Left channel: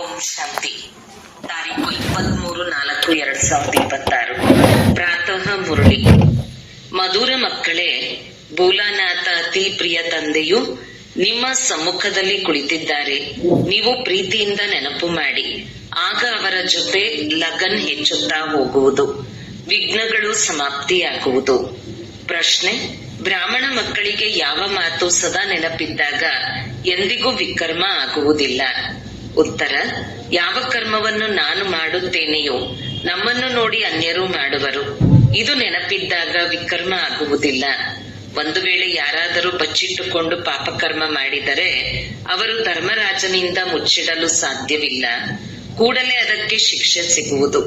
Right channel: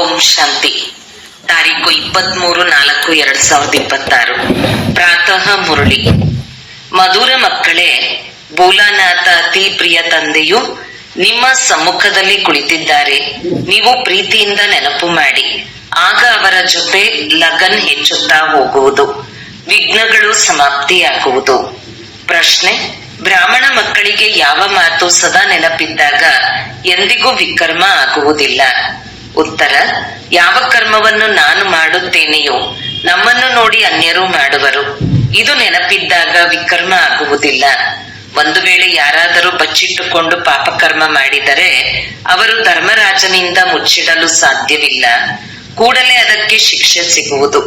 ಓಂ ಶಾಂತಿ. ತಾರೀಕು 23/4/2026. ಪ್ರಾತಃ ಮುರಳಿ. ಮಧುರ ಮಕ್ಕಳೇ, ಭೋಲಾನಾಥ ಅತಿ ಪ್ರಿಯ ತಂದೆಯು ನಿಮ್ಮ ಸಮ್ಮುಖದಲ್ಲಿ ಕುಳಿತಿದ್ದಾರೆ. ನೀವು ಪ್ರೀತಿಯಿಂದ ನೆನಪು ಮಾಡಿ, ಆಗ ಅವರ ಜೊತೆ ಲಗನ್ ಹೆಚ್ಚುತ್ತಾ ಹೋಗುವುದು, ವಿಘ್ನಗಳು ಸಮಾಪ್ತಿಯಾಗುವುದು. ಪ್ರಶ್ನೆ: ಬ್ರಾಹ್ಮಣ ಮಕ್ಕಳಿಗೆ ಯಾವ ಮಾತು ಸದಾ ನೆನಪಿದ್ದಾಗ ಎಂದಿಗೂ ವಿಕರ್ಮ ಆಗುವುದಿಲ್ಲ? ಉತ್ತರ: ಯಾವ ಕರ್ಮವನ್ನು ನಾನು ಮಾಡುತ್ತೇನೆಯೋ ನಮ್ಮನ್ನು ನೋಡಿ ಅನ್ಯರು ಮಾಡುವರು. ಇದು ನೆನಪಿದ್ದಾಗ ವಿಕರ್ಮ ಆಗುವುದಿಲ್ಲ. ಒಂದು ವೇಳೆ ಯಾರಾದರೂ ಬಚ್ಚಿಟ್ಟುಕೊಂಡು ಪಾಪಕರ್ಮ ಮಾಡಿದರೆ ಅವರು ಧರ್ಮರಾಜನಿಂದ ಮುಚ್ಚಿಡಲು ಸಾಧ್ಯವಿಲ್ಲ. ಕೂಡಲೇ ಅದಕ್ಕೆ ಶಿಕ್ಷೆ ಸಿಗುವುದು.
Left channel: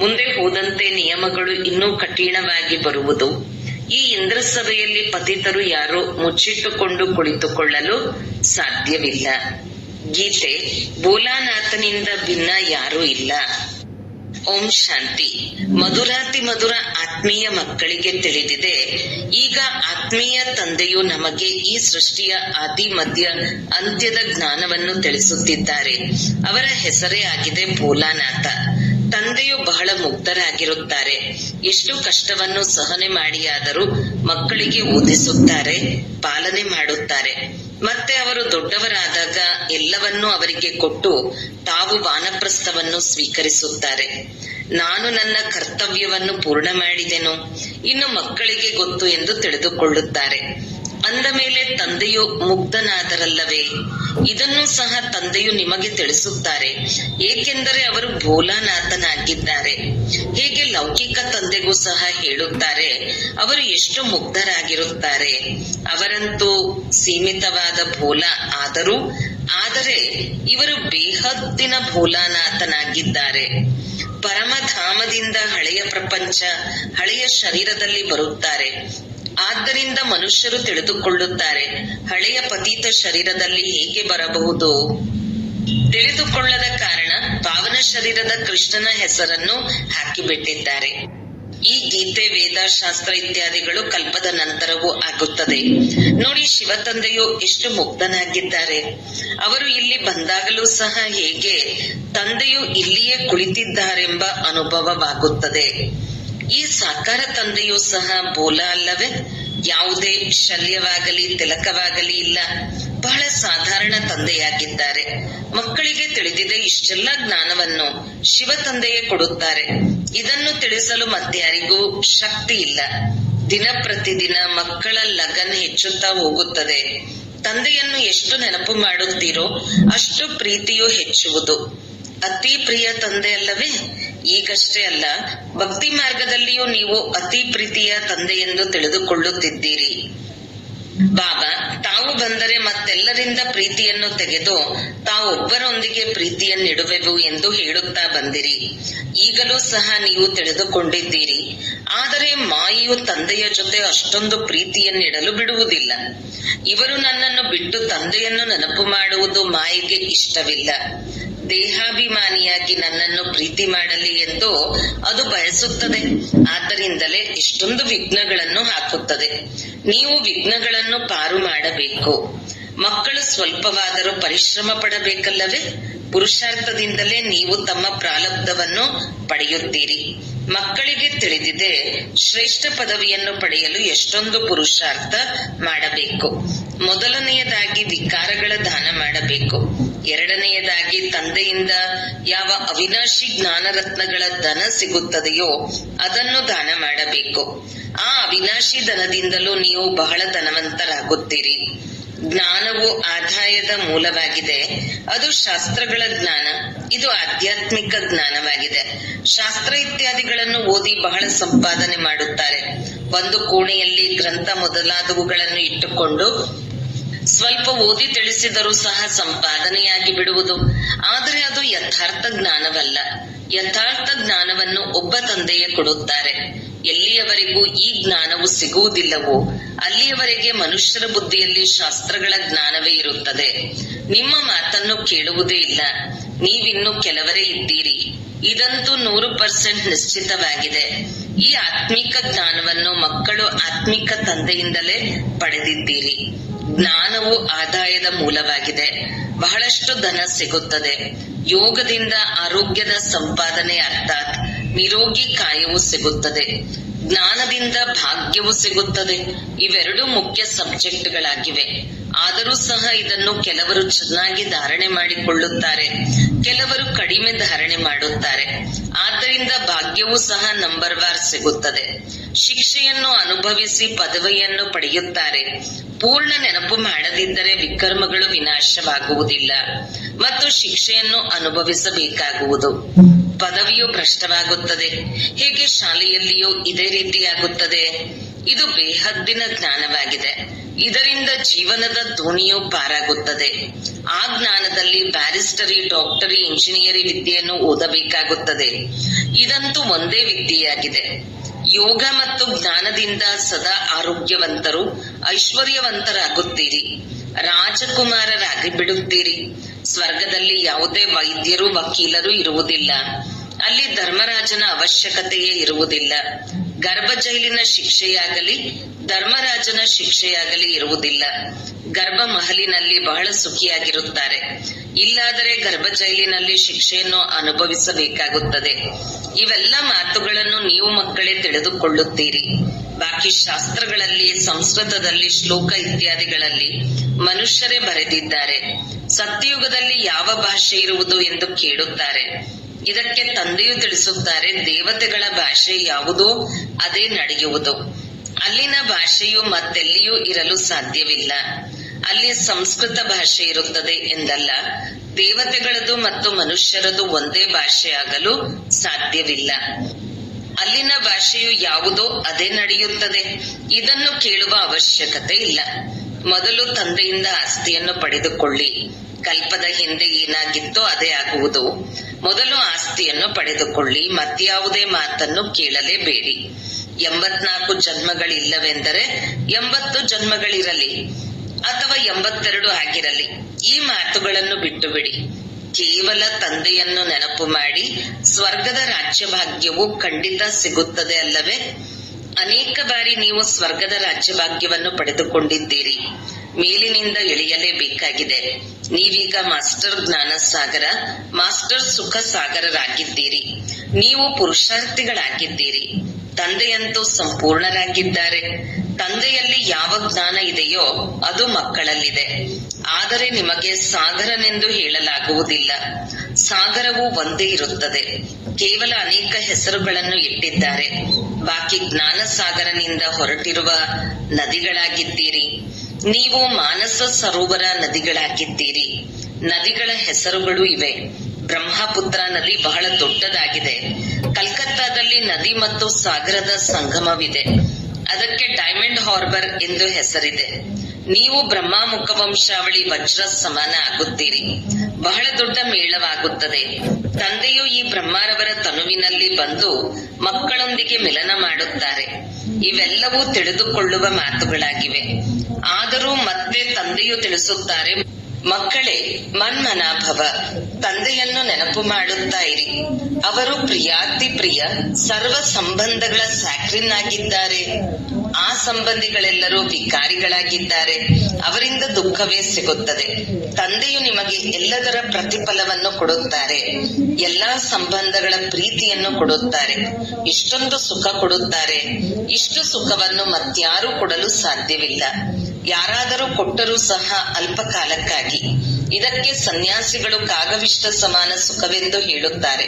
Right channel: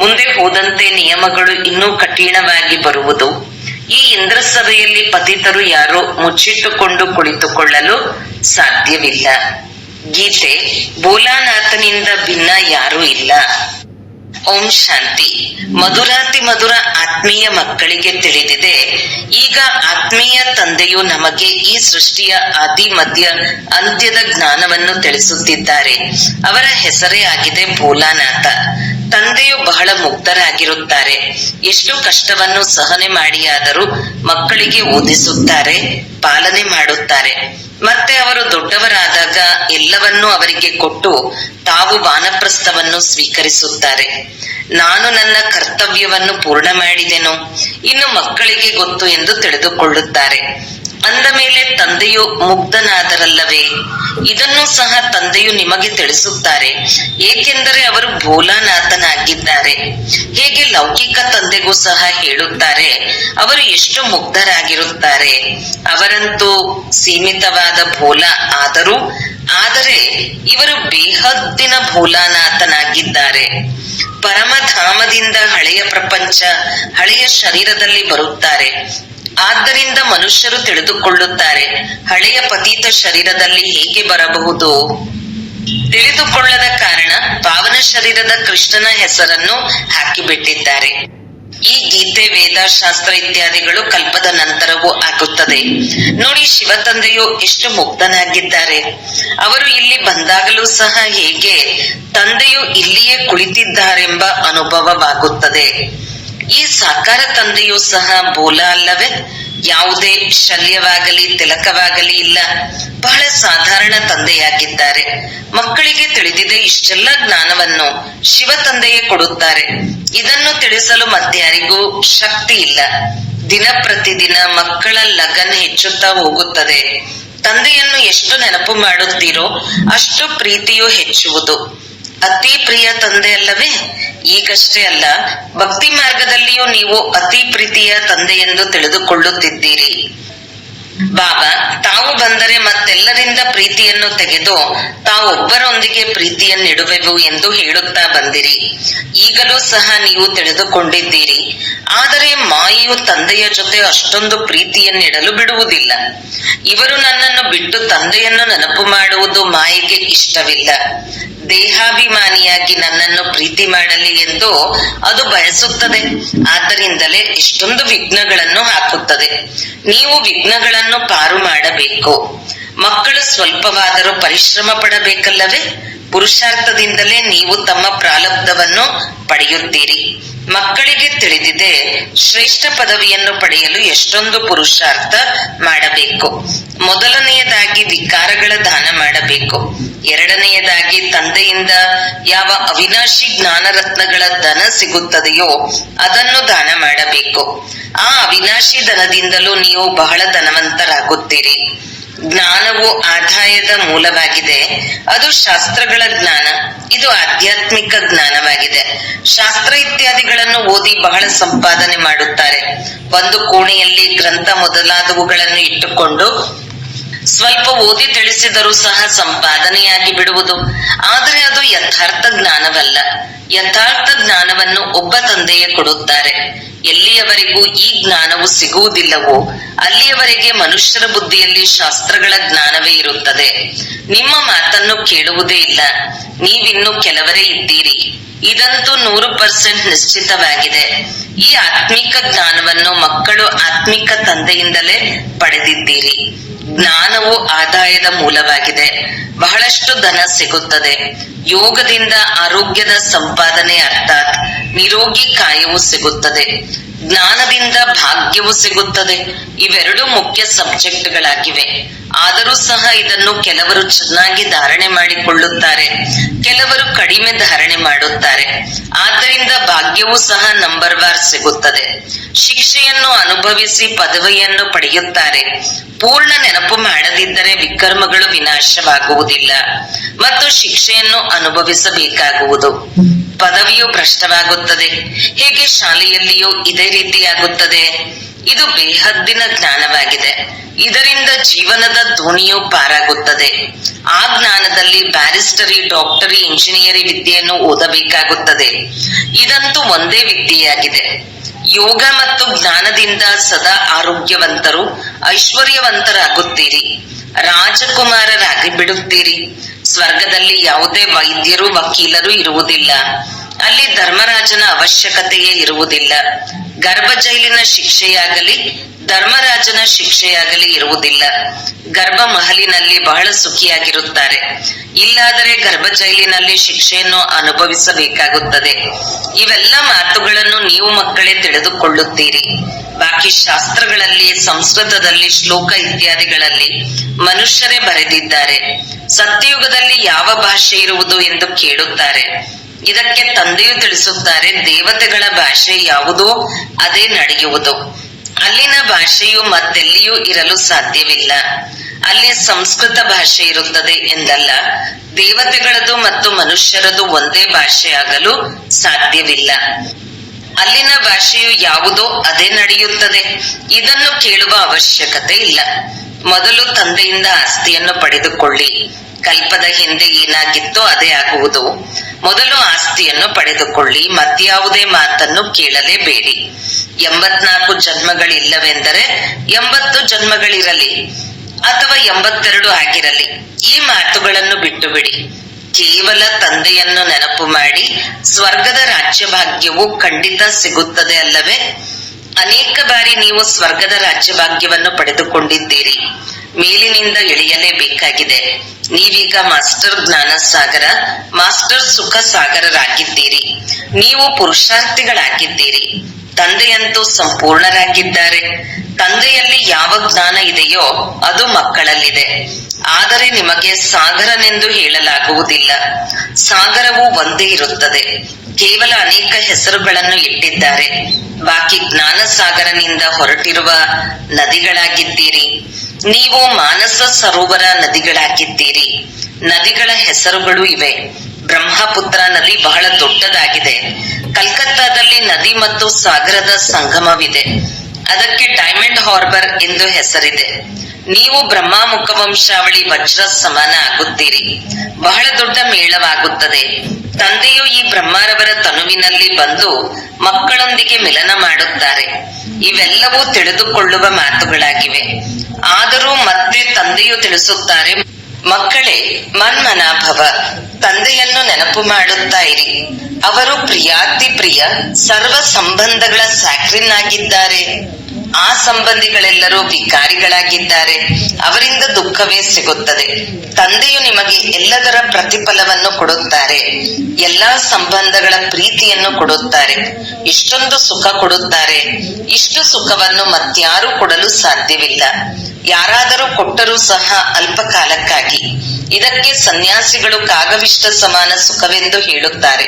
ಮುಂದೆ ಹೋದಂತೆ ನಿಯಮಗಳು ಇನ್ನೂ ಕಠಿಣವಾಗಿ ಬರುವುದು. ಈ ಇಂದ್ರ ಸಭೆಯಲ್ಲಿ ಪತಿತರು ಯಾರು ಮುಚ್ಚಿಟ್ಟುಕೊಂಡು ಕುಳಿತುಕೊಳ್ಳಲು ಸಾಧ್ಯವಿಲ್ಲ. ಗೀತೆ: ಭೋಲಾನಾಥನಿಂದ ಭಿನ್ನ ಯಾರೂ ಇಲ್ಲ. ಓಂ ಶಾಂತಿ. ಮಧುರಾತಿ ಮಧುರ ಆತ್ಮೀಯ ಮಕ್ಕಳಿಗೆ ತಿಳಿದಿದೆ, ಈಗ ಆತ್ಮೀಯ ತಂದೆಯು ನಮಗೆ ಈ ಸೃಷ್ಟಿಯ ಆದಿ ಮಧ್ಯ ಅಂತ್ಯದ ಜ್ಞಾನವನ್ನು ತಿಳಿಸುತ್ತಿದ್ದಾರೆ. ಅವರ ಹೆಸರೇ ಆಗಿದೆ ಭೋಲಾನಾಥ. ತಂದೆಯು ಬಹಳ ಮುಗ್ಧರಾಗಿರುತ್ತಾರೆ. ಎಷ್ಟು ಕಷ್ಟವನ್ನು ಸಹನೆ ಮಾಡಿಯಾದರೂ ಮಕ್ಕಳಿಗೆ ಓದಿಸುತ್ತಾರೆ, ಪಾಲನೆ ಮಾಡುತ್ತಾರೆ. ಮತ್ತೆ ಅವರು ದೊಡ್ಡವರಾದಾಗ ಎಲ್ಲವನ್ನೂ ಅವರಿಗೆ ಕೊಟ್ಟು ತಾವು ವಾನಪ್ರಸ್ಥವನ್ನು ಸ್ವೀಕರಿಸುತ್ತಾರೆ. ನಾನು ನನ್ನ ಕರ್ತವ್ಯವನ್ನು ಪೂರ್ಣ ಮಾಡಿದೆನು, ಇನ್ನು ಮಕ್ಕಳಿಗೆ ಗೊತ್ತು ಎಂದು ತಿಳಿದುಕೊಳ್ಳುತ್ತಾರೆ. ಅಂದ ಮೇಲೆ ತಂದೆಯು ಮುಗ್ಧನಾದರಲ್ಲವೇ? ಇದನ್ನು ಸಹ ತಂದೆಯು ನಿಮಗೆ ತಿಳಿಸುತ್ತಾರೆ, ಏಕೆಂದರೆ ಅವರು ಭೋಲಾನಾಥನಾಗಿದ್ದಾರೆ. ಹೇಗೆ ಲೌಕಿಕ ತಂದೆಗೂ ಸಹ ಹೇಳುತ್ತಾರೆ, ಅವರು ಎಷ್ಟು ಮುಗ್ಧರಾಗಿರುತ್ತಾರೆ. ಅವರಂತೂ ಸೀಮಿತವಾದ ಭೋಲ ಆದರೆ ಇವರು ಬೇಹದ್ದಿನ ಭೋಲಾನಾಥನಾಗಿದ್ದಾರೆ. ಪರಮಧಾಮದಿಂದ ಹಳೆಯ ಪ್ರಪಂಚ, ಹಳೆಯ ಶರೀರದಲ್ಲಿ ಬರುತ್ತಾರೆ. ಆದ್ದರಿಂದ ಮನುಷ್ಯರು ತಿಳಿದುಕೊಳ್ಳುತ್ತಾರೆ, ಹಳೆಯ ಪತೀತ ಶರೀರದಲ್ಲಿ ಹೇಗೆ ಬರಬಹುದು? ತಿಳಿದುಕೊಳ್ಳದ ಕಾರಣ ಪಾವನ ಶರೀರದ ಕೃಷ್ಣನ ಹೆಸರನ್ನು ಹಾಕಿಬಿಟ್ಟಿದ್ದಾರೆ. ಈ ಗೀತೆ, ವೇದ, ಶಾಸ್ತ್ರ ಇತ್ಯಾದಿಗಳು ಕಲ್ಪದ ನಂತರವೂ ಆಗುತ್ತದೆ. ನೋಡಿ, ಶಿವ ತಂದೆಯು ಎಷ್ಟು ಮುಗ್ಧನಾಗಿದ್ದಾರೆ. ಅವರು ಇಲ್ಲಿ ಬಂದಾಗಲೂ ಸಹ ಹೇಗೆ ತಂದೆಯು ಇಲ್ಲಿಯೇ ಕುಳಿತಿದ್ದಾರೆಂಬ ಅನುಭವವಾಗುತ್ತದೆ. ಈ ಸಾಕಾರ ತಂದೆಯೂ ಸಹ ಬೋಲ ಅಲ್ಲವೇ? ಯಾವುದೇ ಶಲ್ಯವಾಗಲಿ ತಿಲಕವಾಗಲಿ ಇಲ್ಲ. ಬಹಳ ಸಾಧಾರಣ ತಂದೆಯಾಗಿದ್ದಾರೆ. ಮಕ್ಕಳಿಗೆ ತಿಳಿದಿದೆ, ಇಷ್ಟೆಲ್ಲ ಜ್ಞಾನವನ್ನು ಶಿವ ತಂದೆಯೇ ಕೊಡುತ್ತಾರೆ. ಇದನ್ನು ತಿಳಿಸಲು ಮತ್ಯಾರಿಗೂ ಶಕ್ತಿ ಇಲ್ಲ. ದಿನ ಪ್ರತಿದಿನ ಮಕ್ಕಳ ಲಗನ್ ಹೆಚ್ಚುತ್ತಾ ಹೋಗುತ್ತದೆ. ತಂದೆಯನ್ನು ಎಷ್ಟು ನೆನಪು ಮಾಡುತ್ತೀರೋ ಅಷ್ಟು ಪ್ರೀತಿಯು ಹೆಚ್ಚುವುದು. ಅತಿ ಪ್ರಿಯ ತಂದೆ ಅಲ್ಲವೇ? ಈಗಷ್ಟೇ ಅಲ್ಲ, ಭಕ್ತಿ ಮಾರ್ಗದಲ್ಲಿಯೂ ನೀವು ಅತಿ ಪ್ರೀತಿಯ ತಂದೆಯೆಂದು ತಿಳಿದುಕೊಳ್ಳುತ್ತಿದ್ದೀರಿ. ಬಾಬಾ ತಾವು ಬಂದರೆ ಮತ್ತೆಲ್ಲರಿಂದ ಪ್ರೀತಿಯನ್ನು ತೆಗೆದು ತಾವೊಬ್ಬರೊಂದಿಗೆ ಪ್ರೀತಿಯನ್ನಿಡುವೆವು ಎಂದು ಹೇಳುತ್ತಾ ಬಂದಿರಿ. ಈಗಲೂ ಸಹ ನೀವು ತಿಳಿದುಕೊಂಡಿದ್ದೀರಿ. ಆದರೆ ಮಾಯೆಯು ತಂದೆಯ ಜೊತೆ ಅಷ್ಟೊಂದು ಪ್ರೀತಿಯನ್ನಿಡಲು ಬಿಡುವುದಿಲ್ಲ. ಇವರು ನನ್ನನ್ನು ಬಿಟ್ಟು ತಂದೆಯನ್ನು ನೆನಪು ಮಾಡುವುದು ಮಾಯೆಗೆ ಇಷ್ಟವಿಲ್ಲ. ದೇಹಾಭಿಮಾನಿಯಾಗಿ ನನ್ನನ್ನು ಪ್ರೀತಿ ಮಾಡಲಿ ಎಂದು ಅದು ಬಯಸುತ್ತದೆ. ಆದ್ದರಿಂದಲೇ ಎಷ್ಟೊಂದು ವಿಘ್ನಗಳನ್ನು ಹಾಕುತ್ತದೆ. ನೀವು ವಿಘ್ನಗಳನ್ನು ಪಾರು ಮಾಡಬೇಕು. ಮಕ್ಕಳು ಸ್ವಲ್ಪವಾದರೂ ಪರಿಶ್ರಮ ಪಡಬೇಕಲ್ಲವೇ? ಪುರುಷಾರ್ಥದಿಂದಲೇ ನೀವು ತಮ್ಮ ಪ್ರಾರಬ್ಧವನ್ನು ಪಡೆಯುತ್ತೀರಿ. ಮಕ್ಕಳಿಗೆ ತಿಳಿದಿದೆ, ಶ್ರೇಷ್ಠ ಪದವಿಯನ್ನು ಪಡೆಯಲು ಎಷ್ಟೊಂದು ಪುರುಷಾರ್ಥ ಮಾಡಬೇಕು. ಮೊದಲನೆಯದಾಗಿ ವಿಕಾರಗಳ ದಾನ ಮಾಡಬೇಕು. ಎರಡನೆಯದಾಗಿ ತಂದೆಯಿಂದ ಯಾವ ಅವಿನಾಶಿ ಜ್ಞಾನ ರತ್ನಗಳ ಧನ ಸಿಗುತ್ತದೆಯೋ ಅದನ್ನು ದಾನ ಮಾಡಬೇಕು. ಆ ಅವಿನಾಶಿ ಧನದಿಂದಲೂ ನೀವು ಬಹಳ ಧನವಂತರಾಗುತ್ತೀರಿ. ಜ್ಞಾನವು ಆದಾಯದ ಮೂಲವಾಗಿದೆ. ಅದು ಶಾಸ್ತ್ರಗಳ ಜ್ಞಾನ, ಇದು ಆಧ್ಯಾತ್ಮಿಕ ಜ್ಞಾನವಾಗಿದೆ. ಶಾಸ್ತ್ರ ಇತ್ಯಾದಿಗಳನ್ನು ಓದಿ ಬಹಳ ಸಂಪಾದನೆ ಮಾಡುತ್ತಾರೆ. ಒಂದು ಕೋಣೆಯಲ್ಲಿ ಗ್ರಂಥ ಮೊದಲಾದವುಗಳನ್ನು ಇಟ್ಟುಕೊಂಡು ಸ್ವಲ್ಪ ಓದಿ ತಿಳಿಸಿದರೂ ಸಹ ಸಂಪಾದನೆಯಾಗಿ ಬಿಡುವುದು. ಆದರೆ ಅದು ಯಥಾರ್ಥ ಜ್ಞಾನವಲ್ಲ. ಯಥಾರ್ಥ ಜ್ಞಾನವನ್ನು ಒಬ್ಬ ತಂದೆಯೇ ಕೊಡುತ್ತಾರೆ. ಎಲ್ಲಿಯವರೆಗೂ ಈ ಜ್ಞಾನವು ಸಿಗುವುದಿಲ್ಲವೋ ಅಲ್ಲಿಯವರೆಗೆ ಮನುಷ್ಯರ ಬುದ್ಧಿಯಲ್ಲಿ ಶಾಸ್ತ್ರಗಳ ಜ್ಞಾನವೇ ಇರುತ್ತದೆ. ನಿಮ್ಮ ಮಾತನ್ನು ಕೇಳುವುದೇ ಇಲ್ಲ. ನೀವಿನ್ನು ಕೆಲವರೇ ಇದ್ದೀರಿ. ಇದಂತೂ 100% ನಿಶ್ಚಿತವಾಗಿದೆ. ಈ ಆತ್ಮಿಕ ಜ್ಞಾನವನ್ನು ಮಕ್ಕಳು ಆತ್ಮಿಕ ತಂದೆಯಿಂದಲೇ ಪಡೆದಿದ್ದೀರಿ. ಜ್ಞಾನವು ಆದಾಯದ ಮೂಲವಾಗಿದೆ. ಬಹಳಷ್ಟು ಧನ ಸಿಗುತ್ತದೆ. ಯೋಗದಿಂದ ಆರೋಗ್ಯದ ಸಂಪಾದನೆ ಅರ್ಥಾತ್ ನಿರೋಗಿ ಕಾಯವು ಸಿಗುತ್ತದೆ. ಜ್ಞಾನದಿಂದ ಭಾಗ್ಯವು ಸಿಗುತ್ತದೆ. ಇವೆರಡು ಮುಖ್ಯ ಸಬ್ಜೆಕ್ಟ್ಗಳಾಗಿವೆ. ಆದರೂ ಸಹ ಇದನ್ನು ಕೆಲವರು ಚೆನ್ನಾಗಿ ಧಾರಣೆ ಮಾಡಿಕೊಳ್ಳುತ್ತಾರೆ, ಕೆಲವರು ಕಡಿಮೆ ಧಾರಣೆ ಮಾಡುತ್ತಾರೆ. ಆದ್ದರಿಂದ ಭಾಗ್ಯವೂ ಸಹ ನಂಬರ್ ವಾರ್ ಸಿಗುತ್ತದೆ. ಶಿಕ್ಷೆಯನ್ನು ಅನುಭವಿಸಿ ಪದವಿಯನ್ನು ಪಡೆಯುತ್ತಾರೆ. ಪೂರ್ಣ ನೆನಪು ಮಾಡದಿದ್ದರೆ ವಿಕರ್ಮಗಳು ವಿನಾಶವಾಗುವುದಿಲ್ಲ ಮತ್ತು ಶಿಕ್ಷೆಯನ್ನು ಅನುಭವಿಸಬೇಕಾಗುವುದು. ಪದವಿಯು ಭ್ರಷ್ಟವಾಗುತ್ತದೆ. ಹೇಗೆ ಶಾಲೆಯಲ್ಲಿಯೂ ಇದೇ ರೀತಿಯಾಗುತ್ತದೆ. ಇದು ಬೇಹದ್ದಿನ ಜ್ಞಾನವಾಗಿದೆ. ಇದರಿಂದ ಜೀವನದ ದೋಣಿಯು ಪಾರಾಗುತ್ತದೆ. ಆ ಜ್ಞಾನದಲ್ಲಿ ಬ್ಯಾರಿಸ್ಟರಿ, ಡಾಕ್ಟರಿ, ಇಂಜಿನಿಯರಿ ವಿದ್ಯೆಯನ್ನು ಓದಬೇಕಾಗುತ್ತದೆ. ಇದಂತೂ ಒಂದೇ ವಿದ್ಯೆಯಾಗಿದೆ. ಯೋಗ ಮತ್ತು ಜ್ಞಾನದಿಂದ ಸದಾ ಆರೋಗ್ಯವಂತರು, ಐಶ್ವರ್ಯವಂತರಾಗುತ್ತೀರಿ, ರಾಜಕುಮಾರರಾಗಿ ಬಿಡುತ್ತೀರಿ. ಸ್ವರ್ಗದಲ್ಲಿ ಯಾವುದೇ ವೈದ್ಯರು, ವಕೀಲರು ಇರುವುದಿಲ್ಲ. ಅಲ್ಲಿ ಧರ್ಮರಾಜನ ಅವಶ್ಯಕತೆಯೇ ಇರುವುದಿಲ್ಲ. ಗರ್ಭ ಜೈಲಿನ ಶಿಕ್ಷೆಯಾಗಲಿ ಧರ್ಮರಾಜನ ಶಿಕ್ಷೆಯಾಗಲಿ ಇರುವುದಿಲ್ಲ. ಗರ್ಭ ಮಹಲಿನಲ್ಲಿ ಬಹಳ ಸುಖಿಯಾಗಿರುತ್ತಾರೆ. ಇಲ್ಲಾದರೆ ಗರ್ಭ ಜೈಲಿನಲ್ಲಿ ಶಿಕ್ಷೆಯನ್ನು ಅನುಭವಿಸಬೇಕಾಗುತ್ತದೆ. ಇವೆಲ್ಲ ಮಾತುಗಳನ್ನು ನೀವು ಮಕ್ಕಳೇ ತಿಳಿದುಕೊಳ್ಳುತ್ತೀರಿ. ಬಾಕಿ ಶಾಸ್ತ್ರಗಳಲ್ಲಿ, ಸಂಸ್ಕೃತದಲ್ಲಿ, ಶ್ಲೋಕ ಇತ್ಯಾದಿಗಳಲ್ಲಿ ಮನುಷ್ಯರೇ ಬರೆದಿದ್ದಾರೆ. ಸತ್ಯಯುಗದಲ್ಲಿ ಯಾವ ಭಾಷೆ ಇರುವುದು ಎಂದು ಕೇಳುತ್ತಾರೆ. ಇದಕ್ಕೆ ತಂದೆಯು ತಿಳಿಸುತ್ತಾರೆ, ದೇವತೆಗಳ ಭಾಷೆ ಯಾವುದೋ ಅದೇ ನಡೆಯುವುದು. ಅಲ್ಲಿನ ಭಾಷೆಯು ಮತ್ತೆಲ್ಲಿಯೂ ಇರಲು ಸಾಧ್ಯವಿಲ್ಲ. ಅಲ್ಲಿ ಸಂಸ್ಕೃತ ಭಾಷೆ ಇರುತ್ತದೆ ಎಂದಲ್ಲ. ದೇವತೆಗಳದು ಮತ್ತು ಮನುಷ್ಯರದು ಒಂದೇ ಭಾಷೆಯಾಗಲು ಸಾಧ್ಯವಿಲ್ಲ. ಅಲ್ಲಿನ ಭಾಷೆಯು ಯಾವುದೋ ಅದೇ ನಡೆಯುತ್ತದೆ. ಇದನ್ನು ಕೇಳುವ ಅವಶ್ಯಕತೆ ಇಲ್ಲ. ಮೊದಲು ತಂದೆಯಿಂದ ಆಸ್ತಿಯನ್ನು ಪಡೆದುಕೊಳ್ಳಿ. ಕಲ್ಪದ ಹಿಂದೆ ಏನಾಗಿತ್ತೋ ಅದೇ ಆಗುವುದು. ಮೊದಲು ಆಸ್ತಿಯನ್ನು ಪಡೆದುಕೊಳ್ಳಿ. ಮತ್ಯಾವುದೇ ಮಾತನ್ನು ಕೇಳಲೇಬೇಡಿ. 84 ಜನ್ಮಗಳಿಲ್ಲವೆಂದರೆ 80 ಜನ್ಮಗಳಿರಲಿ ಅಥವಾ 82 ಆಗಿರಲಿ. ಈ ಮಾತುಗಳನ್ನು ಬಿಟ್ಟು ಬಿಡಿ. ಕೇವಲ ತಂದೆಯನ್ನು ನೆನಪು ಮಾಡಿ. ಸ್ವರ್ಗದ ರಾಜ್ಯ ಭಾಗ್ಯವು ಖಂಡಿತ ಸಿಗುತ್ತದೆ ಅಲ್ಲವೇ? ಅನೇಕ ಬಾರಿ ನೀವು ಸ್ವರ್ಗದ ರಾಜ್ಯ ಭಾಗ್ಯವನ್ನು ಪಡೆದುಕೊಂಡಿದ್ದೀರಿ. ಮೇಲಿನಿಂದ ಇಳಿಯಲೇಬೇಕಾಗಿದೆ. ನೀವೀಗ ಮಾಸ್ಟರ್ ಜ್ಞಾನ ಸಾಗರ, ಮಾಸ್ಟರ್ ಸುಖ ಸಾಗರರಾಗಿದ್ದೀರಿ. ನೀವು ಪುರುಷಾರ್ಥಿಗಳಾಗಿದ್ದೀರಿ. ತಂದೆಯಂತೂ ಸಂಪೂರ್ಣರಾಗಿದ್ದಾರೆ. ತಂದೆಯಲ್ಲಿ ಯಾವ ಜ್ಞಾನ ಇದೆಯೋ ಅದು ಮಕ್ಕಳಲ್ಲಿದೆ. ಆದರೆ ನಿಮಗೆ ಸಾಗರನೆಂದು ಹೇಳಲಾಗುವುದಿಲ್ಲ. ಸಾಗರವು ಒಂದೇ ಇರುತ್ತದೆ. ಕೇವಲ ಅನೇಕ ಹೆಸರುಗಳನ್ನು ಇಟ್ಟಿದ್ದಾರೆ. ಬಾಕಿ ಜ್ಞಾನ ಸಾಗರನಿಂದ ಹೊರಟಿರುವ ನದಿಗಳಾಗಿದ್ದೀರಿ. ನೀವು ಮಾನಸ ಸರೋವರ ನದಿಗಳಾಗಿದ್ದೀರಿ. ನದಿಗಳ ಹೆಸರುಗಳು ಇವೆ. ಬ್ರಹ್ಮಪುತ್ರ ನದಿ ಬಹಳ ದೊಡ್ಡದಾಗಿದೆ. ಕಲ್ಕತ್ತಾದಲ್ಲಿ ನದಿ ಮತ್ತು ಸಾಗರದ ಸಂಗಮವಿದೆ. ಅದಕ್ಕೆ ಡೈಮಂಡ್ ಹಾರ್ಬರ್ ಎಂದು ಹೆಸರಿದೆ. ನೀವು ಬ್ರಹ್ಮ ಮುಖವಂಶಾವಳಿ ವಜ್ರ ಸಮಾನ ಆಗುತ್ತೀರಿ. ಬಹಳ ದೊಡ್ಡ ಮೇಳವಾಗುತ್ತದೆ. ತಂದೆಯು ಈ ಬ್ರಹ್ಮರವರ ತನುವಿನಲ್ಲಿ ಬಂದು ಮಕ್ಕಳೊಂದಿಗೆ ಮಿಲನ ಮಾಡುತ್ತಾರೆ. ಇವೆಲ್ಲವೂ ತಿಳಿದುಕೊಳ್ಳುವ ಮಾತುಗಳಾಗಿವೆ. ಆದರೂ ಮತ್ತೆ ತಂದೆಯು ತಿಳಿಸುತ್ತಾರೆ, ಮಕ್ಕಳೇ, ಮನ್ಮನಾಭವ, ತಂದೆಯನ್ನು ನೆನಪು ಮಾಡುತ್ತಾ ಇರಿ. ಅವರು ಪ್ರಿಯಾತಿ ಪ್ರಿಯ ಸರ್ವ ಸಂಬಂಧಗಳ ಸ್ಯಾಕ್ರಿನ್ ಆಗಿದ್ದಾರೆ. ಆ ಸಂಬಂಧಿಗಳೆಲ್ಲರೂ ವಿಕಾರಿಗಳಾಗಿದ್ದಾರೆ. ಅವರಿಂದ ದುಃಖವೇ ಸಿಗುತ್ತದೆ. ತಂದೆಯು ನಿಮಗೆ ಎಲ್ಲದರ ಪ್ರತಿಫಲವನ್ನು ಕೊಡುತ್ತಾರೆ. ಎಲ್ಲಾ ಸಂಬಂಧಗಳ ಪ್ರೀತಿಯನ್ನು ಕೊಡುತ್ತಾರೆ. ಇಷ್ಟೊಂದು ಸುಖ ಕೊಡುತ್ತಾರೆ. ಇಷ್ಟು ಸುಖವನ್ನು ಮತ್ಯಾರೂ ಕೊಡಲು ಸಾಧ್ಯವಿಲ್ಲ. ಯಾರಾದರೂ ಕೊಟ್ಟರೂ ಸಹ ಅಲ್ಪ ಕಾಲಕ್ಕಾಗಿ. ಇದಕ್ಕೆ ಸನ್ಯಾಸಿಗಳು ಕಾಗವಿಷ್ಟ ಸಮಾನ ಸುಖವೆಂದು ಹೇಳುತ್ತಾರೆ.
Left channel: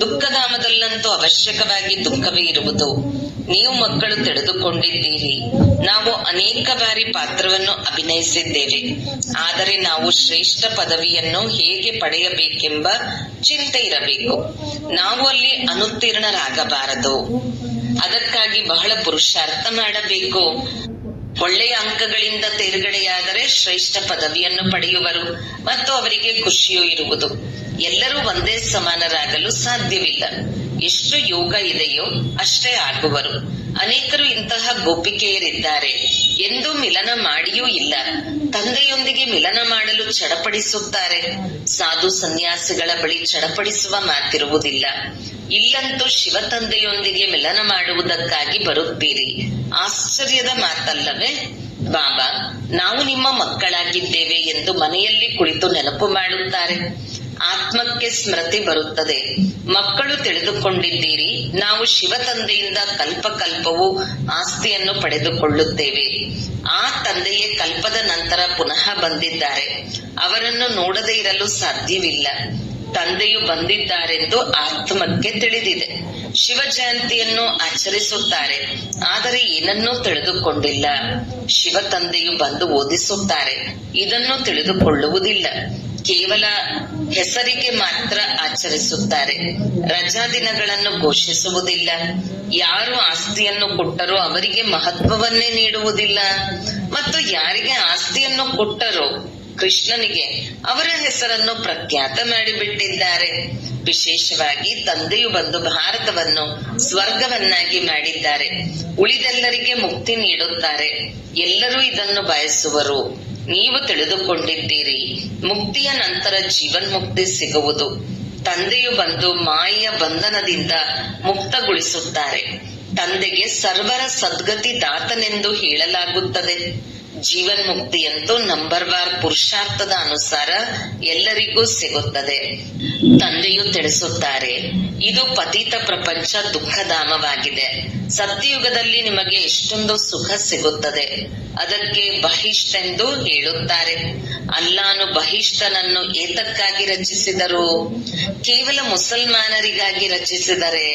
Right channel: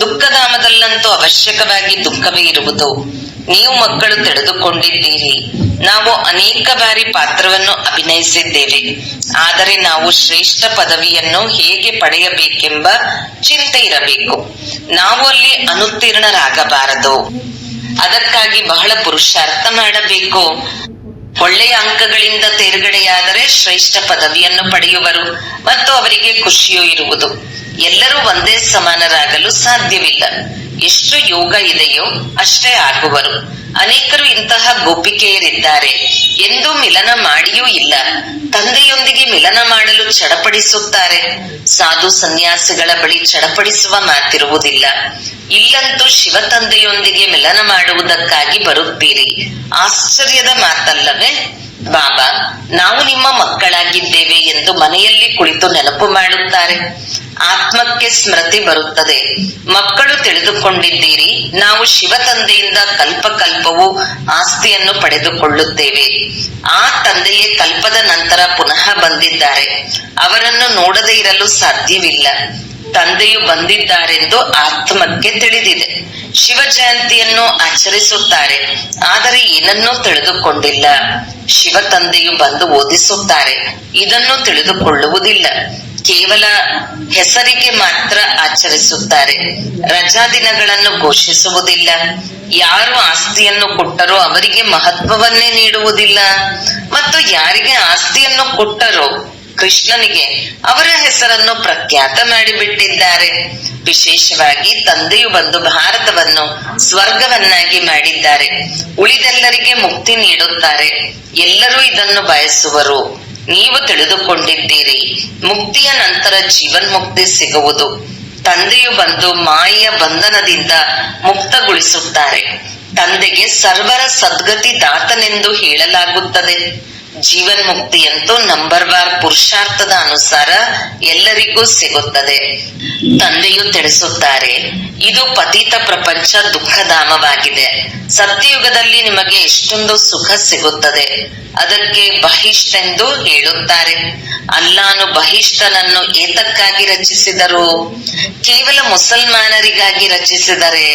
ದುಃಖಧಾಮದಲ್ಲಂತೂ ಅವಶ್ಯಕವಾಗಿ ದುಃಖವೇ ಇರುವುದು. ನೀವು ಮಕ್ಕಳು ತಿಳಿದುಕೊಂಡಿದ್ದೀರಿ. ನಾವು ಅನೇಕ ಬಾರಿ ಪಾತ್ರವನ್ನು ಅಭಿನಯಿಸಿದ್ದೇವೆ. ಆದರೆ ನಾವು ಶ್ರೇಷ್ಠ ಪದವಿಯನ್ನು ಹೇಗೆ ಪಡೆಯಬೇಕೆಂಬ ಚಿಂತೆ ಇರಬೇಕು. ನಾವು ಅಲ್ಲಿ ಅನುತ್ತೀರ್ಣರಾಗಬಾರದು. ಅದಕ್ಕಾಗಿ ಬಹಳ ಪುರುಷಾರ್ಥ ಮಾಡಬೇಕು. ಒಳ್ಳೆಯ ಅಂಕಗಳಿಂದ ತೇರ್ಗಡೆಯಾದರೆ ಶ್ರೇಷ್ಠ ಪದವಿಯನ್ನು ಪಡೆಯುವರು ಮತ್ತು ಅವರಿಗೆ ಖುಷಿಯೂ ಇರುವುದು. ಎಲ್ಲರೂ ಒಂದೇ ಸಮಾನರಾಗಲು ಸಾಧ್ಯವಿಲ್ಲ. ಎಷ್ಟು ಯೋಗ ಇದೆಯೋ ಅಷ್ಟೇ ಆಗುವರು. ಅನೇಕರು ಇಂತಹ ಗೋಪಿಕೆಯರಿದ್ದಾರೆ. ಎಂದೂ ಮಿಲನ ಮಾಡಿಯೂ ಇಲ್ಲ. ತಂದೆಯೊಂದಿಗೆ ಮಿಲನ ಮಾಡಲು ಚಡಪಡಿಸುತ್ತಾರೆ. ಸಾಧು ಸನ್ಯಾಸಿಗಳ ಬಳಿ ಚಡಪಡಿಸುವ ಮಾತಿರುವುದಿಲ್ಲ. ಇಲ್ಲಂತೂ ಶಿವ ತಂದೆಯೊಂದಿಗೆ ಮಿಲನ ಮಾಡುವುದಕ್ಕಾಗಿ ಬರುತ್ತೀರಿ. ಆಶ್ಚರ್ಯದ ಮಾತಲ್ಲವೇ? ಬಾಬಾ, ನಾವು ನಿಮ್ಮ ಮಕ್ಕಳಾಗಿದ್ದೇವೆ ಎಂದು ಮನೆಯಲ್ಲಿ ಕುಳಿತು ನೆನಪು ಮಾಡುತ್ತಾರೆ. ಆತ್ಮಕ್ಕೆ ಸ್ಮೃತಿ ಬರುತ್ತದೆ. ಮಕ್ಕಳು ತಿಳಿದುಕೊಂಡಿದ್ದೀರಿ, ನಾವು ಶಿವ ತಂದೆಯಿಂದ ಕಲ್ಪಕಲ್ಪವೂ ಆಸ್ತಿಯನ್ನು ಪಡೆದುಕೊಳ್ಳುತ್ತೇವೆ. ಆ ತಂದೆಯೇ ಕಲ್ಪದ ನಂತರ ಪುನಃ ಬಂದಿದ್ದಾರೆ. ಅವರನ್ನು ನೋಡದೇ ಇರಲು ಸಾಧ್ಯವಿಲ್ಲ. ತಂದೆಯು ಬಂದಿದ್ದಾರೆಂದು ಆತ್ಮಕ್ಕೆ ತಿಳಿದಿದೆ. ಶಿವ ಜಯಂತಿಯನ್ನು ಆಚರಿಸುತ್ತಾರೆ, ಆದರೆ ಏನನ್ನೂ ತಿಳಿದುಕೊಂಡಿಲ್ಲ. ಶಿವ ತಂದೆಯು ಬಂದು ಓದಿಸುತ್ತಾರೆ, ಇದನ್ನು ತಿಳಿದುಕೊಳ್ಳುವುದಿಲ್ಲ. ಕೇವಲ ಹೆಸರಿಗೆ ಮಾತ್ರ ಆಚರಿಸುತ್ತಾರೆ. ರಜಾ ದಿನಗಳನ್ನು ಘೋಷಿಸುವುದಿಲ್ಲ. ಯಾರು ಆಸ್ತಿಯನ್ನು ಕೊಟ್ಟರೋ ಅವರಿಗೆ ಮಹತ್ವವನ್ನೇ ನೀಡುವುದಿಲ್ಲ, ಮತ್ತು ಯಾರಿಗೆ ಆಸ್ತಿಯನ್ನು ಕೊಟ್ಟರೋ ಕೃಷ್ಣನಿಗೆ ಅವರ ಹೆಸರನ್ನು ಪ್ರಖ್ಯಾತ ಮಾಡಿಬಿಟ್ಟಿದ್ದಾರೆ. ವಿಶೇಷವಾಗಿ ತಂದೆಯು ಬಂದು ಭಾರತವನ್ನು ಸ್ವರ್ಗವನ್ನಾಗಿ ಮಾಡಿದ್ದಾರೆ. ಉಳಿದೆಲ್ಲರಿಗೆ ಮುಕ್ತಿ ನೀಡುತ್ತಾರೆ. ಎಲ್ಲರೂ ಇದನ್ನು ಬಯಸುವರು. ನೀವು ತಿಳಿದುಕೊಂಡಿದ್ದೀರಿ, ಮುಕ್ತಿಯ ನಂತರ ಜೀವನ್ಮುಕ್ತಿ ಸಿಗುವುದು. ತಂದೆಯು ಬಂದು ಮಾಯೆಯ ಬಂಧನದಿಂದ ಮುಕ್ತಗೊಳಿಸುತ್ತಾರೆ. ತಂದೆಗೆ ಸರ್ವರ ಸದ್ಗತಿ ದಾತನೆಂದು ಹೇಳಲಾಗುತ್ತದೆ. ಜೀವನ್ಮುಕ್ತಿಯಂತೂ ನಂಬರ್ವಾರ್ ಪುರುಷಾರ್ಥದ ಅನುಸಾರ ಎಲ್ಲರಿಗೂ ಸಿಗುತ್ತದೆ. ತಂದೆಯು ತಿಳಿಸುತ್ತಾರೆ, ಇದು ಪತಿತ ಪ್ರಪಂಚ ದುಃಖಧಾಮವಾಗಿದೆ. ಸತ್ಯಯುಗದಲ್ಲಿ ನಿಮಗೆ ಎಷ್ಟೊಂದು ಸುಖ ಸಿಗುತ್ತದೆ. ಅದಕ್ಕೆ ಬಹಿಷ್ಠೆಂದು ಹೇಳುತ್ತಾರೆ. ಅಲ್ಲಾನು ಬಹಿಷ್ಠನನ್ನು ಏತಕ್ಕಾಗಿ ರಚಿಸಿದರು? ಕೇವಲ ಮುಸಲ್ಮಾನರಿಗಾಗಿ ರಚಿಸಿದರೆ?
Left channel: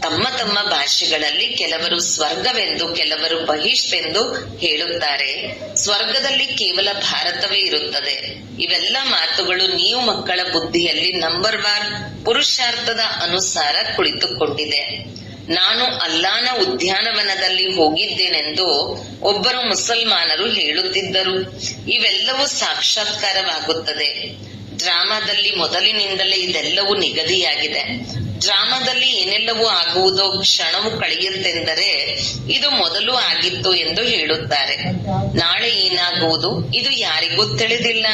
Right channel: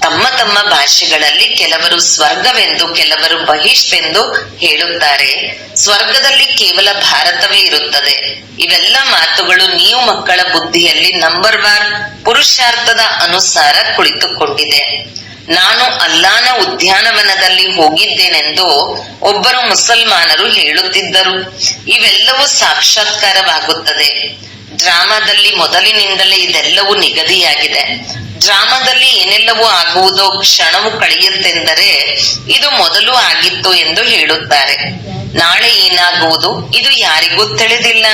ತಮ್ಮ ತಮ್ಮ ಭಾಷೆಗಳಲ್ಲಿ ಕೆಲವರು ಸ್ವರ್ಗವೆಂದು, ಕೆಲವರು ಬಹಿಷ್ಠೆಂದು ಹೇಳುತ್ತಾರೆ. ಸ್ವರ್ಗದಲ್ಲಿ ಕೇವಲ ಭಾರತವೇ ಇರುತ್ತದೆ. ಇವೆಲ್ಲ ಮಾತುಗಳು ನೀವು ಮಕ್ಕಳ ಬುದ್ಧಿಯಲ್ಲಿ ನಂಬರ್ವಾರ್ ಪುರುಷಾರ್ಥದ ಅನುಸಾರ ಕುಳಿತುಕೊಂಡಿದೆ. ನಾನು ಅಲ್ಲಾನ ಉದ್ಯಾನವನದಲ್ಲಿ ಹೋಗಿದ್ದೇನೆಂದು ಒಬ್ಬರು ಮುಸಲ್ಮಾನರು ಹೇಳುತ್ತಿದ್ದರು. ಇವೆಲ್ಲವೂ ಸಾಕ್ಷಾತ್ಕಾರವಾಗುತ್ತದೆ. ಡ್ರಾಮಾದಲ್ಲಿ ಮೊದಲಿನಿಂದಲೇ ಇದೆಲ್ಲವೂ ನಿಗದಿಯಾಗಿದೆ. ಡ್ರಾಮಾದಲ್ಲಿ ಏನೆಲ್ಲವೂ ಆಗುವುದೋ ಕ್ಷಣವು ಕಳೆಯುತ್ತೆಂದರೆ ಇದು ಮೊದಲು ಆಗಿತ್ತು ಎಂದು ಹೇಳುತ್ತಾರೆ. ನಾಳೆ ಏನಾಗುವುದು ಇದು ಯಾರಿಗೂ ತಿಳಿದಿಲ್ಲ.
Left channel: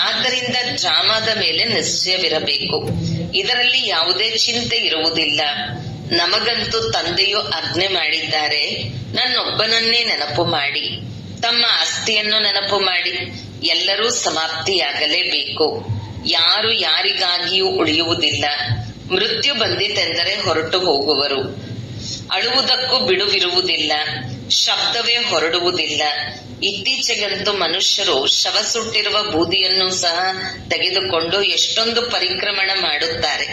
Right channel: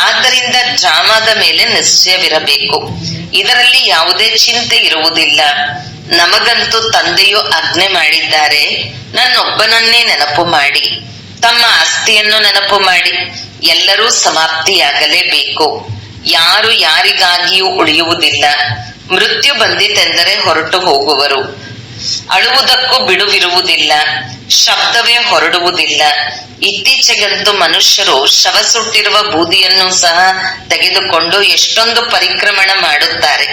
ಆದ್ದರಿಂದ ಡ್ರಾಮಾದ ಮೇಲೆ ನಿಶ್ಚಯವಿರಬೇಕು. ಇದರಲ್ಲಿ ಯಾವುದೇ ಚಿಂತೆ ಇರುವುದಿಲ್ಲ. ನಮಗಂತೂ ತಂದೆಯು ಆಜ್ಞೆ ಮಾಡಿದ್ದಾರೆ, ನನ್ನೊಬ್ಬನನ್ನೇ ನೆನಪು ಮಾಡಿ, ತಮ್ಮ ಆಸ್ತಿಯನ್ನು ನೆನಪು ಮಾಡಿ. ಎಲ್ಲರೂ ಸಮಾಪ್ತಿಯಾಗಲೇಬೇಕು. ಯಾರು ಯಾರಿಗಾಗಿಯೂ ಉಳಿಯುವುದಿಲ್ಲ. ಮೃತ್ಯು ಬಂದಿತೆಂದರೆ ಹೊರಟು ಹೋಗುವರು. ಅಳುವುದಕ್ಕೂ ಬಿಡುವಿರುವುದಿಲ್ಲ. ಶಬ್ದವೇ ಹೊರಡುವುದಿಲ್ಲ. ಇತ್ತೀಚೆಗಂತೂ ಮನುಷ್ಯರು ಶವ ಸುಟ್ಟಿರುವ ಬೂದಿಯನ್ನು ಸಹ ತೆಗೆದುಕೊಂಡು ಎಷ್ಟೊಂದು ಪರಿಕ್ರಮಣ ಮಾಡುತ್ತಾರೆ.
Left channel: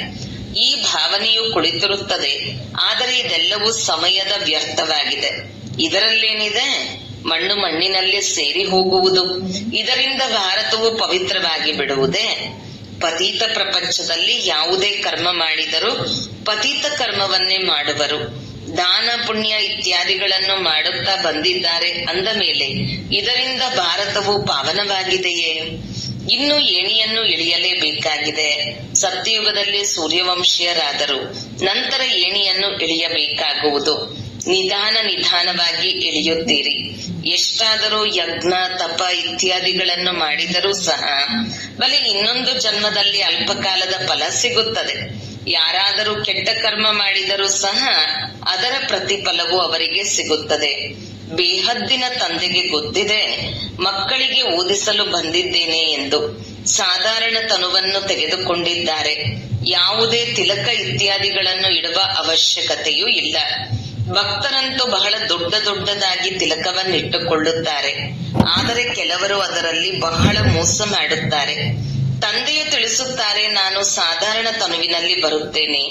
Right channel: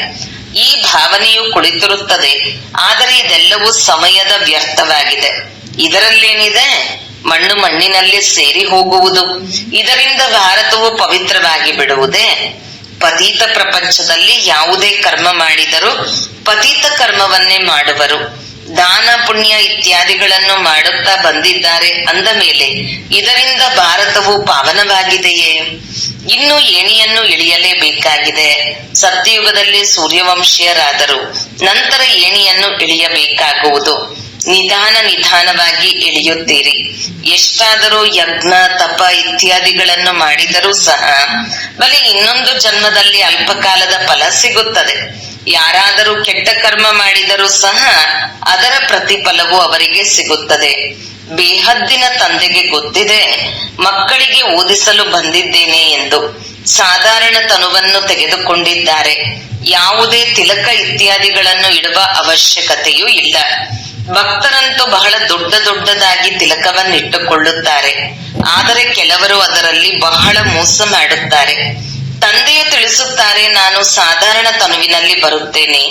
ಈ ಭಾವನೆಯು ಕುಳಿತಿರುತ್ತದೆ. ಆದರೆ ಇದೆಲ್ಲವೂ ಸಮಯದ ವ್ಯರ್ಥವಾಗಿದೆ. ಇದರಲ್ಲೇನಿದೆ? ಮಣ್ಣು ಮಣ್ಣಿನಲ್ಲಿ ಸೇರಿ ಹೋಗುವುದು. ಇದರಿಂದ ಭಾರತವು ಪವಿತ್ರವಾಗಿ ಬಿಡುವುದೇ? ಪತೀತ ಪ್ರಪಂಚದಲ್ಲಿ ಯಾವುದೇ ಕರ್ಮ ಮಾಡಿದರೂ ಪತೀತ ಕರ್ಮವನ್ನೇ ಮಾಡುವರು. ದಾನ ಪುಣ್ಯ ಇತ್ಯಾದಿಗಳನ್ನು ಮಾಡುತ್ತಾ ಬಂದಿದ್ದಾರೆ ಅಂದ ಮೇಲೆ ಇದರಿಂದ ಭಾರತವು ಪಾವನವಾಗಿದೆಯೇ? ಇನ್ನು ಏಣಿಯನ್ನು ಇಳಿಯಲೇಬೇಕಾಗಿದೆ. ಸತ್ಯಯುಗದಲ್ಲಿ ಸೂರ್ಯವಂಶೀಯರಾದರು, ನಂತರ ಏಣಿಯನ್ನು ಇಳಿಯಬೇಕಾಗುವುದು. ನಿಧಾನವಾಗಿ ಇಳಿಯುತ್ತೀರಿ. ಎಷ್ಟಾದರೂ ಯಜ್ಞ ತಪ ಇತ್ಯಾದಿಗಳನ್ನು ಮಾಡಿದರೂ ಸಹ ಬಲಿ ಇನ್ನೊಂದು ಜನ್ಮದಲ್ಲಿ ಅಲ್ಪಕಾಲದ ಫಲ ಸಿಗುತ್ತದೆ. ಯಾರಾದರೂ ಕೆಟ್ಟ ಕರ್ಮ ಮಾಡಿದರೂ ಸಹ ಅದರ ಪ್ರತಿಫಲವು ಅವರಿಗೆ ಸಿಗುತ್ತದೆ. ಬೇಹದ್ದಿನ ತಂದೆಗೆ ಗೊತ್ತಿದೆ ಮಕ್ಕಳಿಗೆ ಓದಿಸಲು ಬಂದಿದ್ದೇನೆ ಎಂದು. ಸಾಧಾರಣ ತನುವನ್ನು ತೆಗೆದುಕೊಂಡಿದ್ದಾರೆ. ಯಾವುದೇ ತಿಲಕ ಇತ್ಯಾದಿಗಳನ್ನು ಇಡುವ ಅವಶ್ಯಕತೆಯೂ ಇಲ್ಲ. ಭಕ್ತರಂತೂ ಬಹಳ ದೊಡ್ಡದಾಗಿ ತಿಲಕವನ್ನಿಟ್ಟುಕೊಳ್ಳುತ್ತಾರೆ. ಆದರೆ ಕೆಲವರು ಅದರಲ್ಲಿ ಬಹಳ ಮೋಸ ಮಾಡುತ್ತಾರೆ. ತಂದೆಯು ತಿಳಿಸುತ್ತಾರೆ, ನಾನು ಸಾಧಾರಣ ತನುವಿನಲ್ಲಿ ಬರುತ್ತೇನೆ,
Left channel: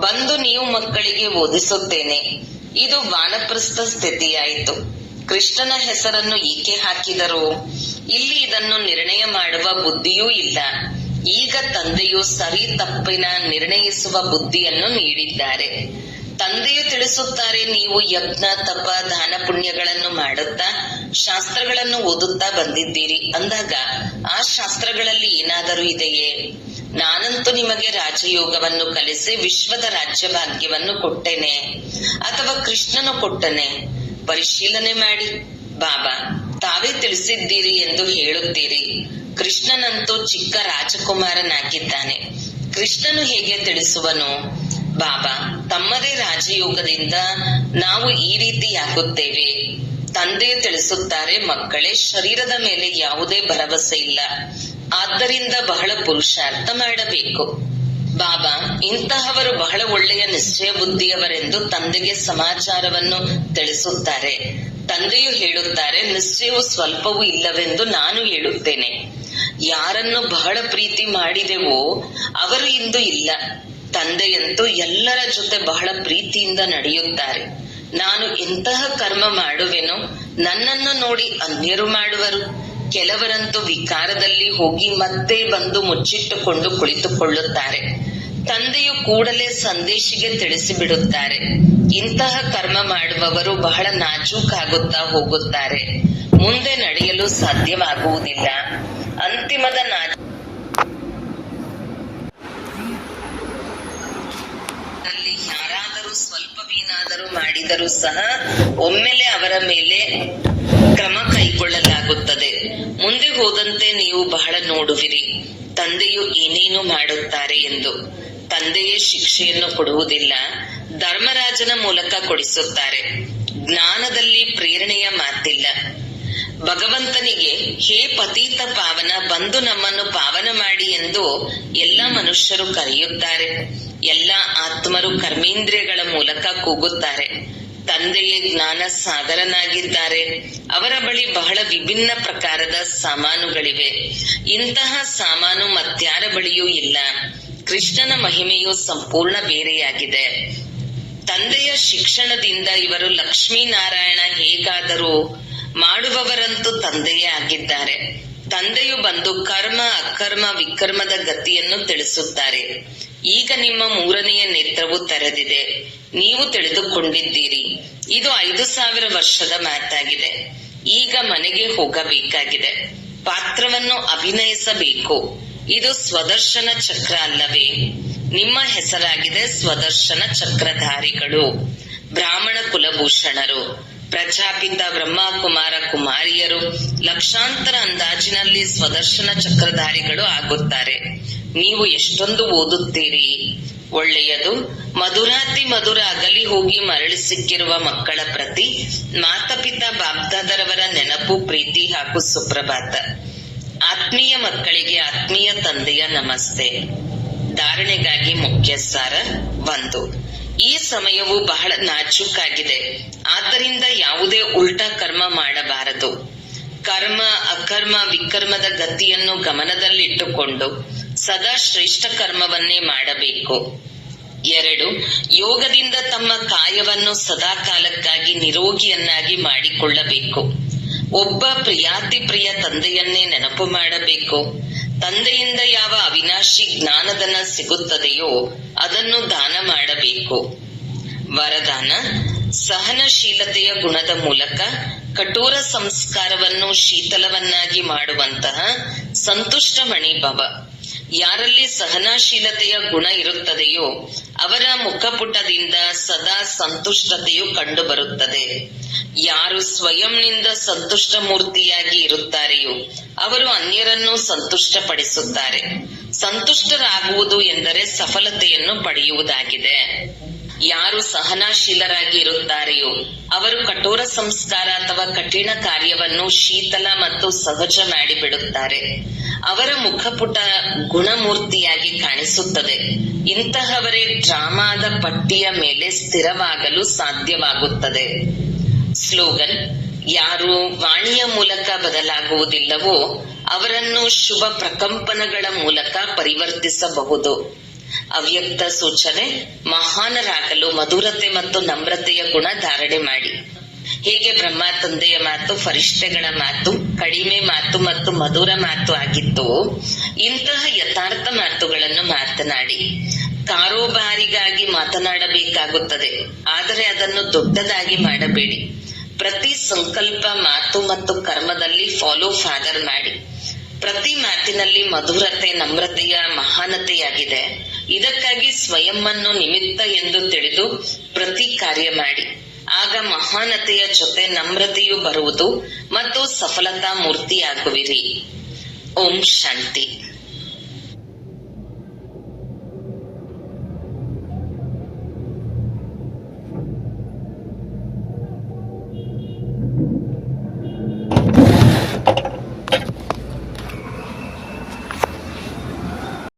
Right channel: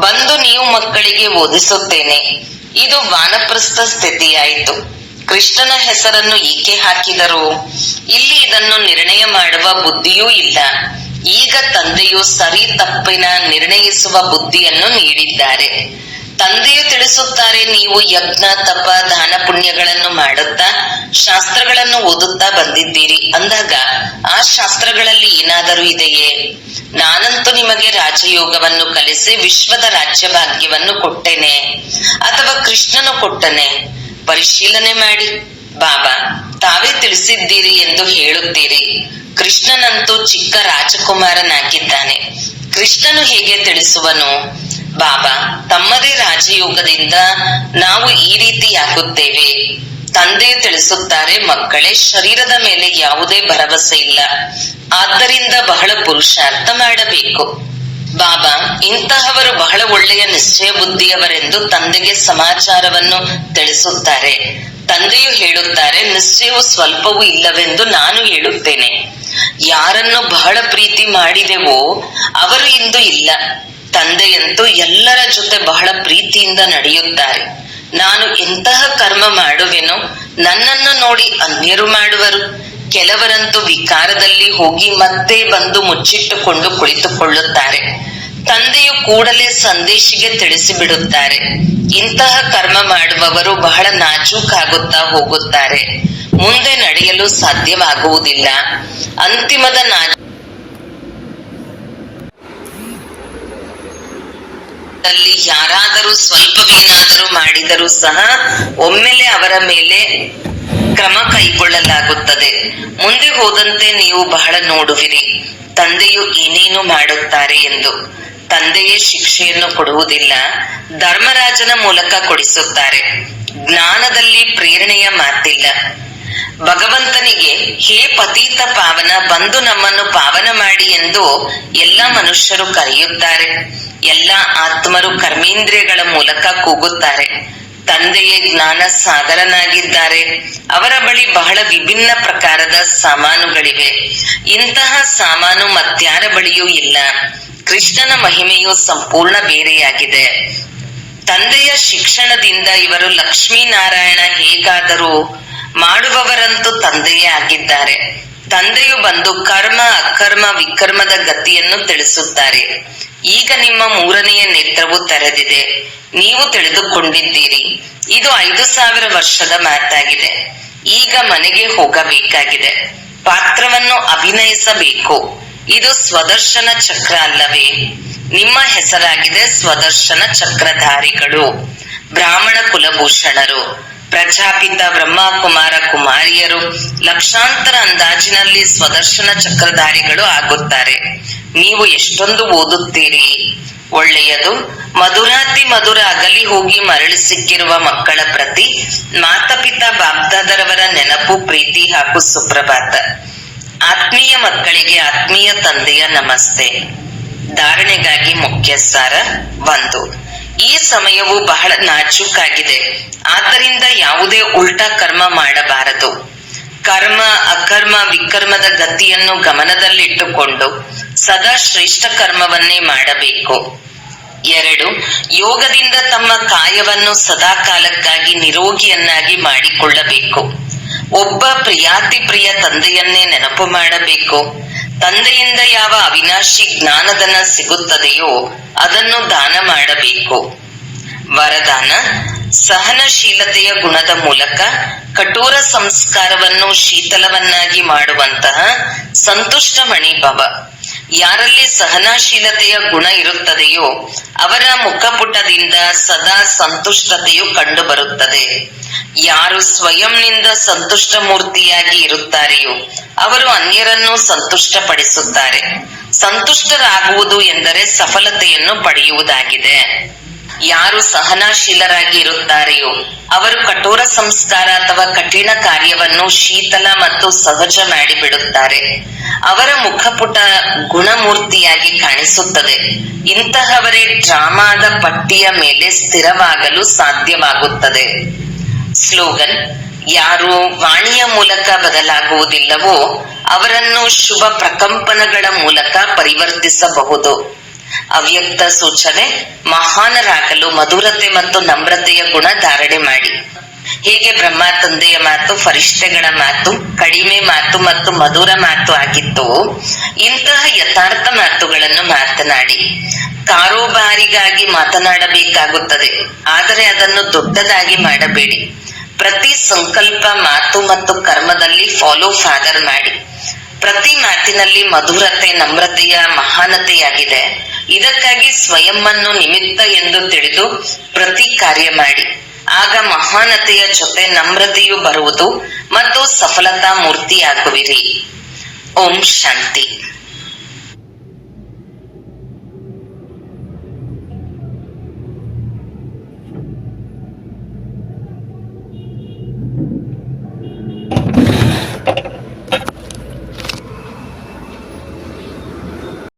ಬಂದು ನೀವು ಮಕ್ಕಳಿಗೆ ಓದಿಸುತ್ತೇನೆ. ಇದು ವಾನಪ್ರಸ್ಥ ಸ್ಥಿತಿಯಾಯಿತು. ಕೃಷ್ಣನ ಹೆಸರನ್ನು ಏಕೆ ಹಾಕಿದರು? ಇಲ್ಲಿ ಇದನ್ನು ನಿರ್ಣಯ ಮಾಡುವ ಬುದ್ಧಿಯೂ ಇಲ್ಲ. ಈಗ ತಂದೆಯು ಸರಿ ತಪ್ಪಿನ ನಿರ್ಣಯಿಸುವ ಬುದ್ಧಿಯನ್ನು ನೀಡಿದ್ದಾರೆ. ತಂದೆಯು ತಿಳಿಸುತ್ತಾರೆ, ನೀವು ಯಜ್ಞ ತಪ ದಾನ ಪುಣ್ಯಗಳನ್ನು ಮಾಡುತ್ತಾ ಶಾಸ್ತ್ರಗಳನ್ನು ಓದುತ್ತಾ ಬಂದಿದ್ದೀರಿ ಅಂದಾಗ ಆ ಶಾಸ್ತ್ರಗಳಲ್ಲಿ ಏನಾದರೂ ಇದೆಯೇ? ನಾನಂತೂ ನಿಮಗೆ ರಾಜಯೋಗವನ್ನು ಕಲಿಸಿ ವಿಶ್ವದ ರಾಜ್ಯ ಭಾಗ್ಯವನ್ನು ಕೊಟ್ಟೆನೆ, ಅಥವಾ ಕೃಷ್ಣನು ಕೊಟ್ಟನೆ? ಪರಿಶೀಲನೆ ಮಾಡಿ. ಬಾಬಾ ತಾವೇ ತಿಳಿಸಿದ್ದೀರಿ ಎಂದು ಹೇಳುತ್ತೀರಿ. ಕೃಷ್ಣನಂತೂ ಚಿಕ್ಕ ರಾಜಕುಮಾರನಾಗಿದ್ದಾನೆ. ಕೃಷ್ಣನು ಹೇಗೆ ತಿಳಿಸುವನು? ಬಾಬಾ ತಮ್ಮದೇ ರಾಜಯೋಗದಿಂದ ನಾವು ಈ ರೀತಿಯಾಗುತ್ತೇವೆ. ತಂದೆ ತಿಳಿಸುತ್ತಾರೆ, ಮಕ್ಕಳೇ, ಶರೀರದ ಮೇಲೆ ಯಾವುದೇ ಭರವಸೆ ಇಲ್ಲ. ಆದ್ದರಿಂದ ಬಹಳ ಪುರುಷಾರ್ಥ ಮಾಡಬೇಕು. ಬಾಬಾ ಇಂತಹವರು ಬಹಳ ಒಳ್ಳೆಯ ನಿಶ್ಚಯ ಬುದ್ಧಿಯವರೆಂದು ತಂದೆಗೆ ಸಮಾಚಾರವನ್ನು ತಿಳಿಸುತ್ತಾರೆ. ತಂದೆಯು ಹೇಳುತ್ತಾರೆ, ನಿಶ್ಚಯವು ಸ್ವಲ್ಪವೂ ಇಲ್ಲವೆಂದು ನಾನು ಹೇಳುತ್ತೇನೆ. ಯಾರನ್ನು ಬಹಳ ಪ್ರೀತಿ ಮಾಡಿದೆವೋ ಅವರು ಇಂದು ಇಲ್ಲ. ತಂದೆಯಂತೂ ಎಲ್ಲರ ಜೊತೆ ಬಹಳ ಪ್ರೀತಿಯಿಂದ ನಡೆಯುತ್ತಾರೆ. ನಾನು ಎಂತಹ ಕರ್ಮ ಮಾಡುವೆನೋ ನನ್ನನ್ನು ನೋಡಿ ಅನ್ಯರು ಮಾಡುವರು. ಕೆಲವರಂತೂ ವಿಕಾರದಲ್ಲಿ ಹೋಗಿ ಮತ್ತೆ ಬಂದು ಮುಚ್ಚಿಟ್ಟುಕೊಂಡು ಕುಳಿತುಕೊಳ್ಳುತ್ತಾರೆ. ತಂದೆಯು ಕೂಡಲೇ ಸಂದೇಶಿಗೆ ತಿಳಿಸಿಬಿಡುತ್ತಾರೆ, ಇಂತಹ ಕರ್ಮ ಮಾಡುವವರು ಬಹಳ ನಾಜೂಕಾಗುತ್ತಾ ಹೋಗುತ್ತಾರೆ, ಮುಂದೆ ನಡೆಯಲು ಸಾಧ್ಯವಾಗುವುದಿಲ್ಲ. ಅಂತಿಮದ ಯಾರಾದರೂ ಸ್ವಲ್ಪವೇನಾದರೂ ಮಾಡಿದರೂ ಸಹ ಒಮ್ಮೆಲೆ ಅವರ ಮೇಲೆ ಕ್ರಮ ಕೈಗೊಳ್ಳಲಾಗುತ್ತದೆ. ಮುಂದೆ ಹೋದಂತೆ ನೀವು ಬಹಳ ನೋಡುವಿರಿ ತಂದೆಯು ಏನೇನು ಮಾಡುತ್ತಾರೆ ಎಂದು. ತಂದೆಯೇ ಶಿಕ್ಷೆಯನ್ನು ಕೊಡುವುದಿಲ್ಲ, ಧರ್ಮರಾಜನ ಮೂಲಕ ಕೊಡಿಸುತ್ತಾರೆ. ಜ್ಞಾನದಲ್ಲಿ ಪ್ರೇರಣೆಯ ಮಾತಿಲ್ಲ. ಭಗವಂತನಿಗೆ ಹೇ ಪತೀತ ಪಾವನ, ಬಂದು ನಮ್ಮನ್ನು ಪಾವನ ಮಾಡಿ ಎಂದು ಎಲ್ಲ ಮನುಷ್ಯರು ಕರೆಯುತ್ತಾರೆ. ಎಲ್ಲ ಆತ್ಮರು ಕರ್ಮೇಂದ್ರಿಯಗಳ ಮೂಲಕ ಕೂಗುತ್ತಾರೆ. ತಂದೆಯೇ ಜ್ಞಾನ ಸಾಗರನಾಗಿದ್ದಾರೆ. ಅವರ ಬಳಿ ಬಹಳ ವಿಭಿನ್ನ ಪ್ರಕಾರದ ಸಾಮಾನುಗಳಿವೆ. ಇಂತಹ ಸಾಮಾನು ಮತ್ಯಾರ ಬಳಿಯೂ ಇಲ್ಲ. ಕೃಷ್ಣನ ಮಹಿಮೆಯು ಸಂಪೂರ್ಣ ಬೇರೆಯಾಗಿದೆ. ತಂದೆಯ ಶಿಕ್ಷಣದಿಂದ ಇವರು ಲಕ್ಷ್ಮೀನಾರಾಯಣ ಹೇಗಾದರೂ ಮಾಡುವವರಂತೂ ತಂದೆಯೇ ಆಗಿದ್ದಾರೆ. ತಂದೆಯು ಬಂದು ಕರ್ಮ ಅಕರ್ಮ ವಿಕರ್ಮದ ಗತಿಯನ್ನು ತಿಳಿಸುತ್ತಾರೆ. ಈಗ ನಿಮ್ಮ 3ನೆಯ ನೇತ್ರವು ತೆರೆದಿದೆ, ನೀವು ತಿಳಿದುಕೊಂಡಿದ್ದೀರಿ. ಇದು 5000 ವರ್ಷದ ಮಾತಾಗಿದೆ. ಈಗ ಮನೆಗೆ ಹೋಗಬೇಕಾಗಿದೆ. ಪಾತ್ರವನ್ನು ಅಭಿನಯಿಸಬೇಕು. ಇದು ಸ್ವದರ್ಶನ ಚಕ್ರ ಅಲ್ಲವೇ? ನಿಮ್ಮ ಹೆಸರಾಗಿದೆ ಸ್ವದರ್ಶನ ಚಕ್ರಧಾರಿಗಳು, ಬ್ರಾಹ್ಮಣ ಕುಲಭೂಷಣರು, ಪ್ರಜಾಪಿತ ಬ್ರಹ್ಮ ಕುಮಾರ ಕುಮಾರಿಯರು ಲಕ್ಷಾಂತರ ಅಂದಾಜಿನಲ್ಲಿ ಸ್ವದರ್ಶನ ಚಕ್ರಧಾರಿಗಳು ಆಗುತ್ತಾರೆ. ನೀವು ಎಷ್ಟೊಂದು ಓದುತ್ತೀರಿ. ಒಳ್ಳೆಯದು. ಮಧುರಾತಿ ಮಧುರ ಅಗಲಿ ಹೋಗಿ ಮರಳಿ ಸಿಕ್ಕಿರುವ ಮಕ್ಕಳ ಪ್ರತಿ ಮಾತಪಿತಾ ಬಾಬ್ದಾದರವರ ನೆನಪು, ಪ್ರೀತಿ ಹಾಗೂ ಸುಪ್ರಭಾತ. ಆತ್ಮೀಯ ಮಕ್ಕಳಿಗೆ ಆತ್ಮೀಯ ತಂದೆಯ ನಮಸ್ತೆ. ಧಾರಣೆಗಾಗಿ ಮುಖ್ಯ ಸಾರ 1. ಈ ಸಮಯವು ಬಹಳ ನಾಜೂಕಾಗಿದೆ. ಆದ್ದರಿಂದ ಯಾವುದೇ ಉಲ್ಟಾ ಕರ್ಮ ಮಾಡಬಾರದು. ಕರ್ಮ ಅಕರ್ಮ ವಿಕರ್ಮದ ಗತಿಯನ್ನು ಗಮನದಲ್ಲಿಟ್ಟುಕೊಂಡು ಸದಾ ಶ್ರೇಷ್ಠ ಕರ್ಮವನ್ನೇ ಮಾಡಬೇಕು. 2. ಯೋಗದಿಂದ ತಮ್ಮ ಕಾಯವನ್ನು ಸದಾ ಕಾಲಕ್ಕಾಗಿ ನಿರೋಗಿಯನ್ನಾಗಿ ಮಾಡಿಕೊಳ್ಳಬೇಕು. ಒಬ್ಬ ಪ್ರಿಯಾತಿ ಪ್ರಿಯ ತಂದೆಯನ್ನೇ ನೆನಪು ಮಾಡಬೇಕು. ತಂದೆಯಿಂದ ಯಾವ ಅವಿನಾಶಿ ಜ್ಞಾನಧನ ಸಿಗುತ್ತದೆಯೋ ಅದನ್ನು ದಾನ ಮಾಡಬೇಕು. ವರದಾನ: ಸಹನಶೀಲತೆಯ ಗುಣದ ಮೂಲಕ ಕಠೋರ ಸಂಸ್ಕಾರವನ್ನು ಶೀತಲವನ್ನಾಗಿ ಮಾಡುವಂತಹ ಸಂತುಷ್ಟ ಮಣಿಭವ. ಯಾರಲ್ಲಿ ಸಹನಶೀಲತೆಯ ಗುಣ ಇರುತ್ತದೆಯೋ ಅವರ ಮುಖಪುಟದಿಂದ ಸದಾ ಸಂತುಷ್ಟತೆಯು ಕಂಡು ಬರುತ್ತದೆ. ಯಾರು ಸ್ವಯಂನಿಂದ ಸಂತುಷ್ಟ ಮೂರ್ತಿಯಾಗಿ ಇರುತ್ತಾರೆಯೋ ಅವರು ಅನ್ಯರನ್ನು ಸಂತುಷ್ಟಪಡಿಸುತ್ತಾರೆ. ಸಂತುಷ್ಟರಾಗುವುದು ಎಂದರೆ ಸಫಲತೆಯನ್ನು ಪಡೆಯುವುದಾಗಿದೆ. ಯಾರು ಸಹನಶೀಲರಾಗಿ ಇರುತ್ತಾರೆಯೋ ಅವರು ಕಠೋರ ಸಂಸ್ಕಾರ ಅಥವಾ ಕಠಿಣ ಕಾರ್ಯವನ್ನು ಶೀತಲ ಮತ್ತು ಸಹಜ ಮಾಡಿಬಿಡುತ್ತಾರೆ. ಅವರ ಮುಖಪುಟ ಗುಣಮೂರ್ತಿಯಾಗಿ ಕಾಣಿಸುತ್ತದೆ. ಇಂತಹವರೇ ಡ್ರಾಮಾದ ಪಟ್ಟಿಯ ಮೇಲೆ ಸ್ಥಿರವಾಗಲು ಸಾಧ್ಯವಾಗುತ್ತದೆ. ಸ್ಲೋಗನ್: ಯಾರು ವಾಣಿಯ ಮೂಲಕ ಬದಲಾಗುವುದಿಲ್ಲವೋ ಅವರನ್ನು ಶುಭ ಪ್ರಕಂಪನಗಳ ಮೂಲಕ ಪರಿವರ್ತಿಸಬಹುದು. ಅವ್ಯಕ್ತ ಸೂಚನೆ: ಮಹಾನರಾಗಲು ಮಧುರತೆ ಮತ್ತು ನಮ್ರತೆಯ ಗುಣ ಧಾರಣೆ ಮಾಡಿ. ಹೇಗೆ ಬ್ರಹ್ಮ ತಂದೆಯ ಮಾತು ಫರಿಷ್ಠೆಗಳ ಮಾತು ಕಡಿಮೆ ಮಾತು ಮತ್ತು ಮಧುರ ಮಾತು ಆಗಿತ್ತು, ಇಂತಹ ಯಥಾರ್ಥ ಮಾತುಗಳನ್ನು ಮಾತನಾಡಿ. ಕಾರೋಬಾರಿಗಾಗಿ ಮಾತನಾಡಬೇಕಾಗುತ್ತದೆ, ಆದರೆ ಅದನ್ನು ದೊಡ್ಡದಾಗಿ ಮಾಡಬೇಡಿ. ಪ್ರತಿ ಸಂಕಲ್ಪ ಮಾತು ಮತ್ತು ಕರ್ಮದಲ್ಲಿ ಫಾಲೋ ಫಾದರ್ ಮಾಡಿ. ಪ್ರತಿ ಮಾತಿನಲ್ಲಿ ಮಧುರತೆ ನಮ್ರತೆಯ ಮಹಾನತೆಯಾಗಿದೆ. ಇದಕ್ಕಾಗಿ ಸ್ವಯಂವನ್ನು ನಿಮಿತ್ತ ಎಂದು ತಿಳಿದು ಪ್ರತಿ ಕಾರ್ಯ ಮಾಡಿ. ಆಗ ಮಹಾನತೆಯ ಜೊತೆ ನಮ್ರತೆಯು ಬರುವುದು ಮತ್ತು ಸಫಲತಾ ಮೂರ್ತಿಯಾಗುವಿರಿ. ಓಂ ಶಾಂತಿ.